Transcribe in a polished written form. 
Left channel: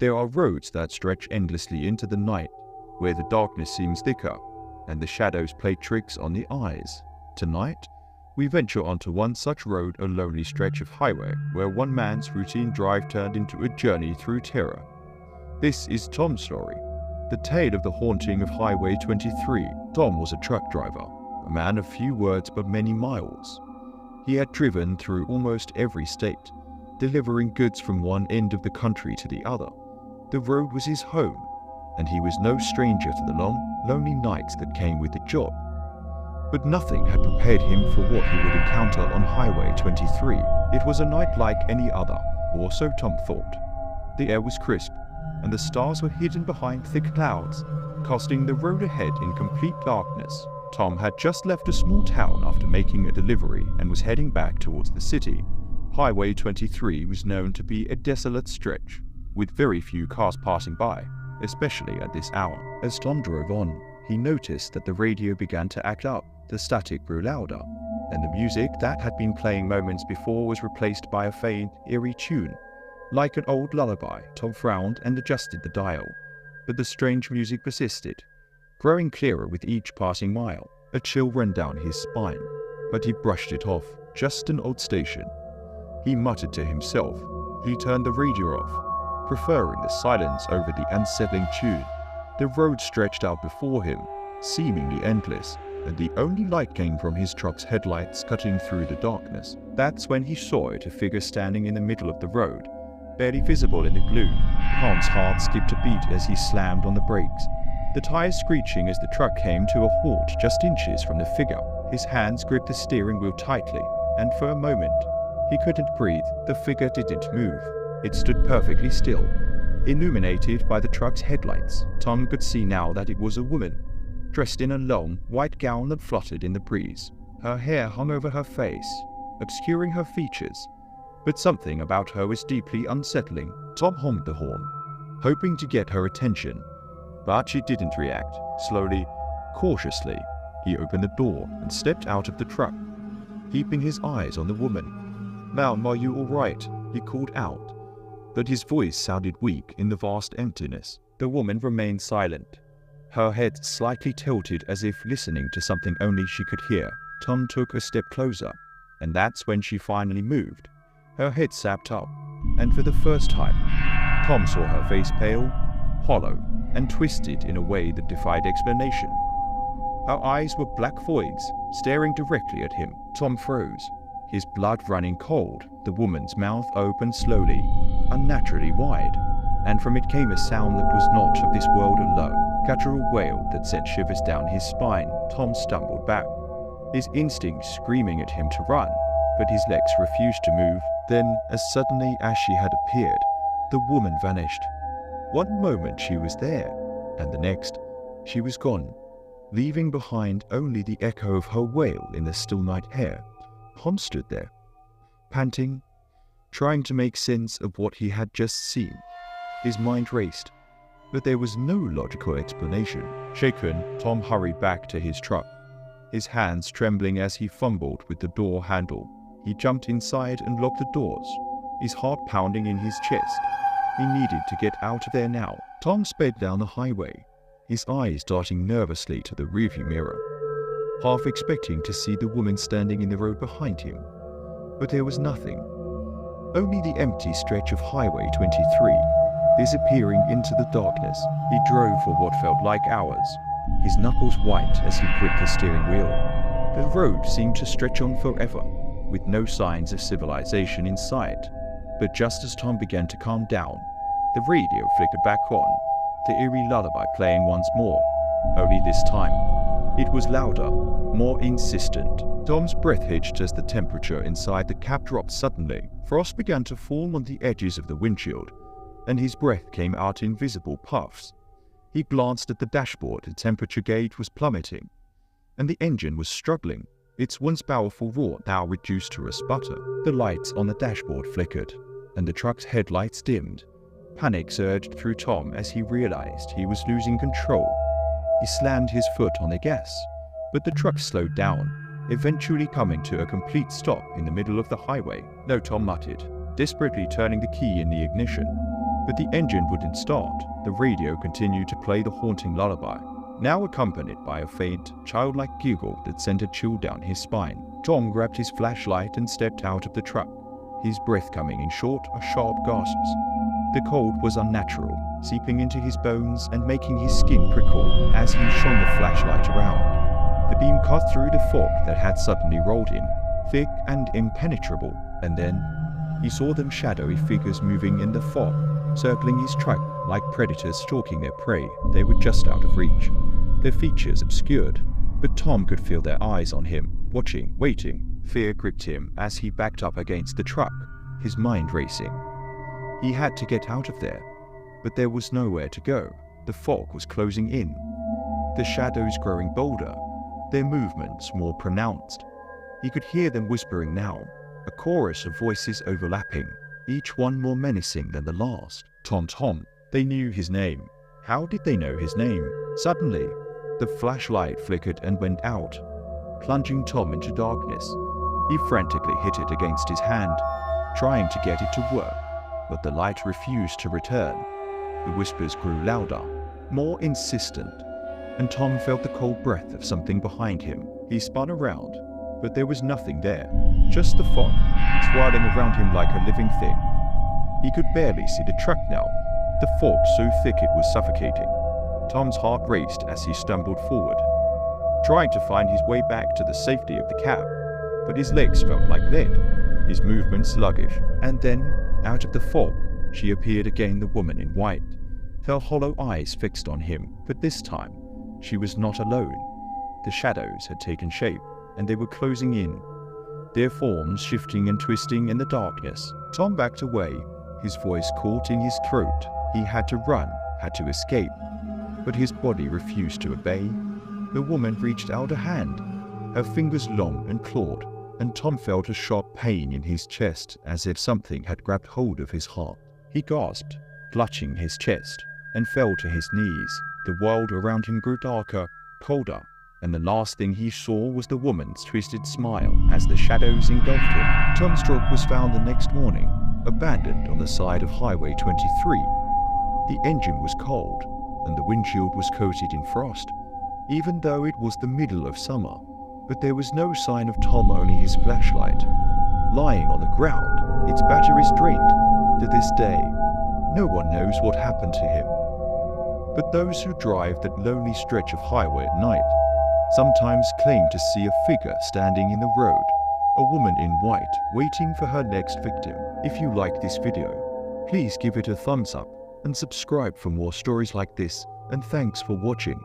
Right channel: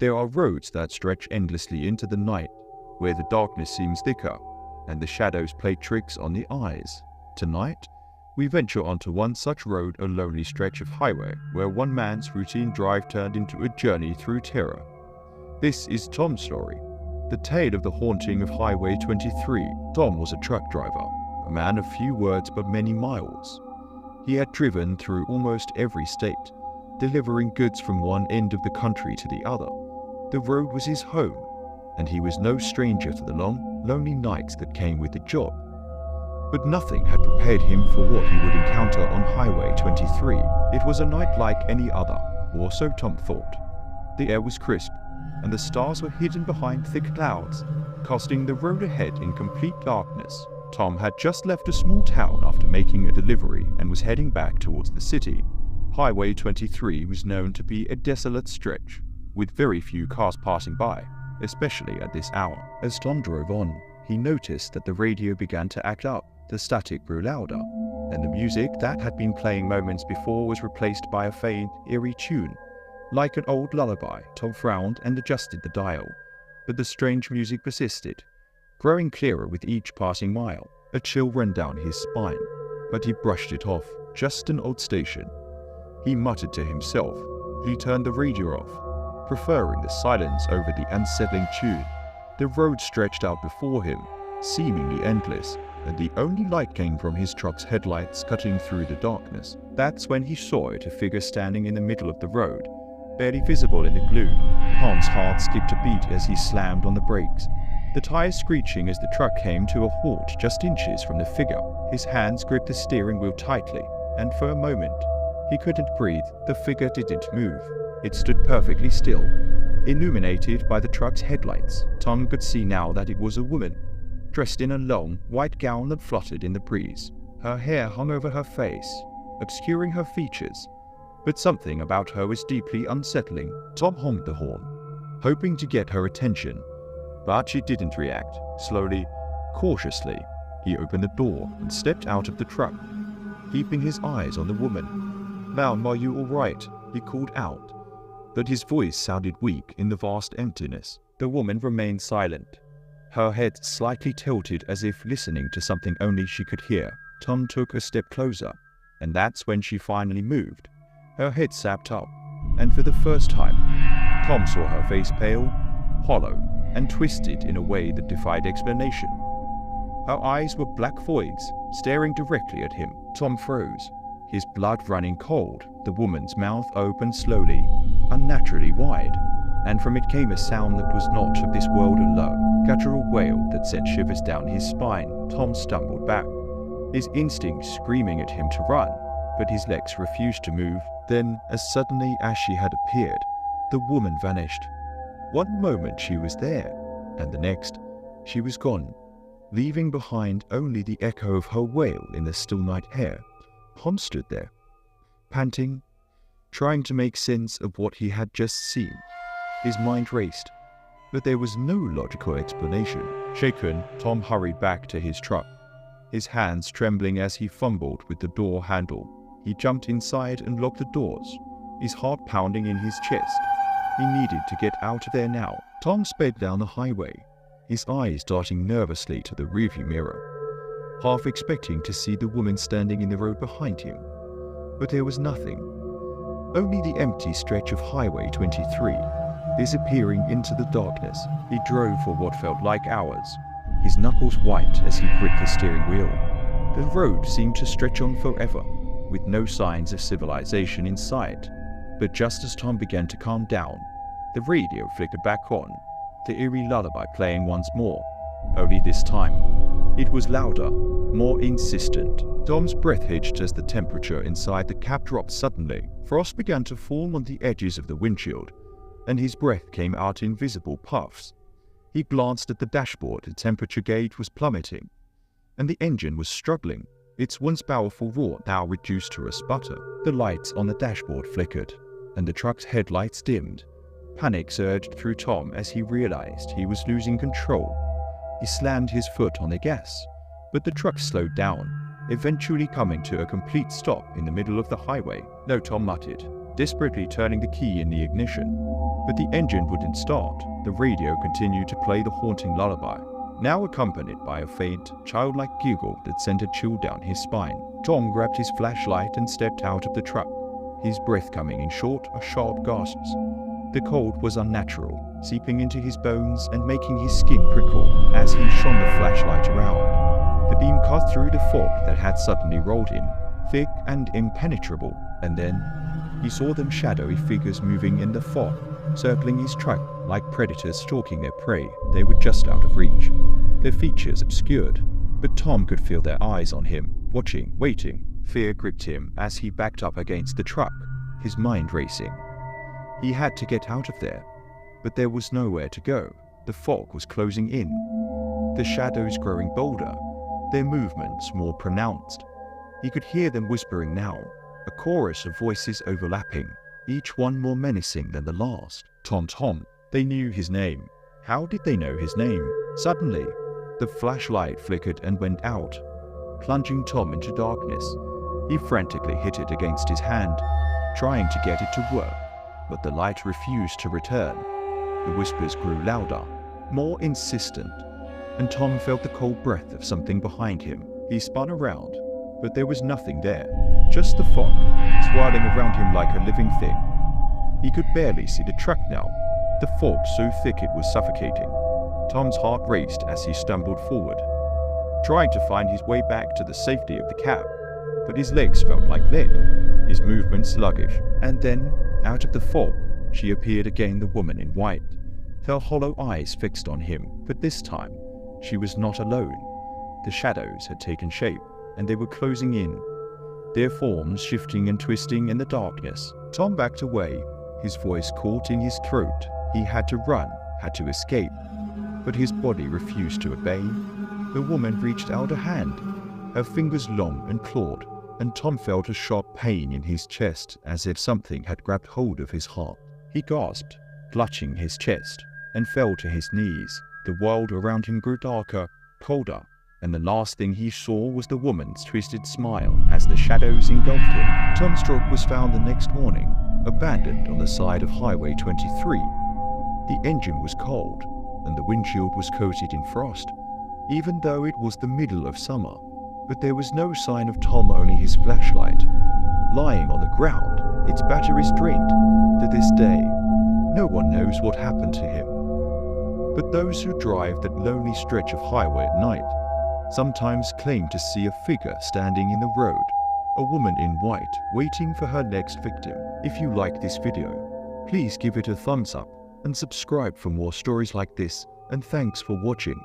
There are roads that stretch endlessly into the night, where the darkness seems thicker, and the shadows play tricks on the eyes. Tonight, we venture onto one such road, a lonely stretch of highway, where one man's routine drive turned into a journey through terror. This is Tom's story, the tale of the haunting of Highway 23. Tom was a truck driver, a man of few words but many miles. He had driven through almost every state, delivering goods from one end of the country to the other. The road was his home, and he was no stranger to the long, lonely nights that came with the job. But nothing had prepared him for what he would encounter on Highway 23. It was a night like any other, or so Tom thought. The air was crisp, and the stars were hidden behind thick clouds, casting the road ahead in complete darkness. Tom had just left a small town after making a delivery and was heading back towards the city. Highway 23 was known to be a desolate stretch, with very few cars passing by, especially at this hour. As Tom drove on, he noticed that the radio began to act up. The static grew louder, and the music that had been playing moments before was replaced by a faint, eerie tune. Like an old lullaby, Tom frowned and adjusted the dial, but the strange music persisted, growing clearer with each passing mile. A chill ran down his spine, but he brushed it off. Just an old station. He muttered to himself. He turned the radio off, preferring the silence over the unsettling tune. The road stretched out before him, seemingly endless, and the only light came from his truck's headlights cutting through the darkness. That's when he saw it, a figure standing in the middle of the road, barely visible in the gloom. Tom's heart skipped a beat as he slammed on the brakes, the tires screeching as the truck came to a halt just inches from the figure. His hands gripped the steering wheel tightly, and for a moment, he couldn't breathe. The figure didn't move. It stood perfectly still, illuminated by the truck's headlights. Tom could see now that it was a woman, dressed in a long, white gown that fluttered in the breeze. Her hair hung over her face, obscuring her features, but something about her was deeply unsettling. Tom honked the horn, hoping to get her attention, but she didn't react. Slowly, cautiously, he opened the door and stepped out of the truck, keeping his eyes on the woman. "Ma'am, are you all right?" he called out, but his voice sounded weak in the vast emptiness. The woman remained silent, her head slightly tilted as if listening to something only she could hear. Tom took a step closer, and that's when she finally moved. Her head sapped up, and for the first time, Tom saw her face pale, hollow, and twisted in a way that defied explanation. Her eyes were black voids, staring directly at him. Tom froze, his blood running cold. The woman's mouth opened slowly, unnaturally wide, and from it came a sound that was not of this world, a low, guttural wail that sent shivers down his spine. Tom stumbled back, his instincts screaming at him to run, but his legs refused to move. Then, as suddenly as she had appeared, the woman vanished. One moment she was there, and the next, she was gone, leaving behind only the echo of her wail in the still night air. Tom stood there, panting, trying to make sense of what he had just seen. His mind raced, but there was no logical explanation. Shaken, Tom hurried back to his truck, his hands trembling as he fumbled with the door handle. He jumped inside and locked the doors, his heart pounding in his chest. He needed to get out of there now. Tom sped down the highway, his eyes darting nervously to the rearview mirror, half expecting to see the woman standing in the road behind him. But there was nothing. Only the empty stretch of Highway 23, disappearing into the darkness. He drove for what felt like hours, his knuckles white as he gripped the steering wheel. The road seemed to stretch on forever, with no signs of civilization in sight. But just as Tom began to calm down, the radio flickered back on, the eerie lullaby playing once more, only this time it was louder, more insistent. Tom's breath hitched as the temperature inside the cab dropped suddenly. Frost began to form on the edges of the windshield, and his breath came out in visible puffs. He glanced at the dashboard. The temperature gauge was plummeting, and the engine was struggling, its once powerful roar now reduced to a sputter. The lights on the dashboard flickered, and the truck's headlights dimmed. Panic surged through Tom as he realized he was losing control. He slammed his foot on the gas, but the truck slowed down, eventually coming to a complete stop in the middle of the highway. "No," Tom muttered, desperately turning the key in the ignition. But the engine wouldn't start. The radio continued to play the haunting lullaby, now accompanied by a faint, childlike giggle that sent a chill down his spine. Tom grabbed his flashlight and stepped out of the truck, his breath coming in short, sharp gasps. The cold was unnatural, seeping into his bones and making his skin prickle as he shone the flashlight around. The beam cut through the fog that had suddenly rolled in, thick and impenetrable, and then he saw them shadowy figures moving in the fog, circling his truck like predators stalking their prey. They were just out of reach, their features obscured, but Tom could feel their eyes on him, watching, waiting. Fear gripped him as he backed up against the truck, his mind racing. He had to get out of there, but there was nowhere to go. The fog was closing in, the shadows growing bolder, their movements more pronounced. He could hear them whispering now, a chorus of voices overlapping, each one more menacing than the last. Tom. They knew his name. How did they know his name? Suddenly, the flashlight flickered and went out, plunging Tom into darkness. He frantically hit it against his hand, trying to get it to work, but the light refused to return. The whispers grew louder, more insistent, and Tom felt the cold breath of something behind him. He spun around, but there was nothing there, just the fog, swirling around him like a living thing. He could barely see the truck now, the fog so thick it was suffocating. Tom's heart raced as he stumbled forward, trying to find his way back to the safety of the cab, but his legs felt like lead, his movements sluggish. And then, out of the fog, she appeared again, the woman in white, her hollow eyes fixed on him. But this time, she was not alone. The shadows had taken shape, and they were closing in, their forms shifting and twisting in the darkness. Tom backed away, his voice caught in his throat. He had to run, had to escape, but his body refused to obey. The woman reached out a hand, her fingers long and clawed, and Tom felt a sharp pain in his chest, as if something had grabbed hold of his heart. He gasped, clutching his chest, and fell to his knees. The world around him grew darker, colder, and the last thing he saw was the woman's twisted smile as the shadows engulfed him. Tom's truck was found the next morning, abandoned on the side of Highway 23. The engine was cold, and the windshield was coated in frost, even though it was the middle of summer. But there was no sign of Tom, only his flashlight, lying on the ground, its batteries drained. To this day, no one knows what happened to him. But those who drive that lonely stretch of highway at night sometimes claim to see a figure standing in the road, a woman in white waiting for her next victim. If you like this video, please give it a thumbs up and subscribe for more stories like this, and thanks for watching.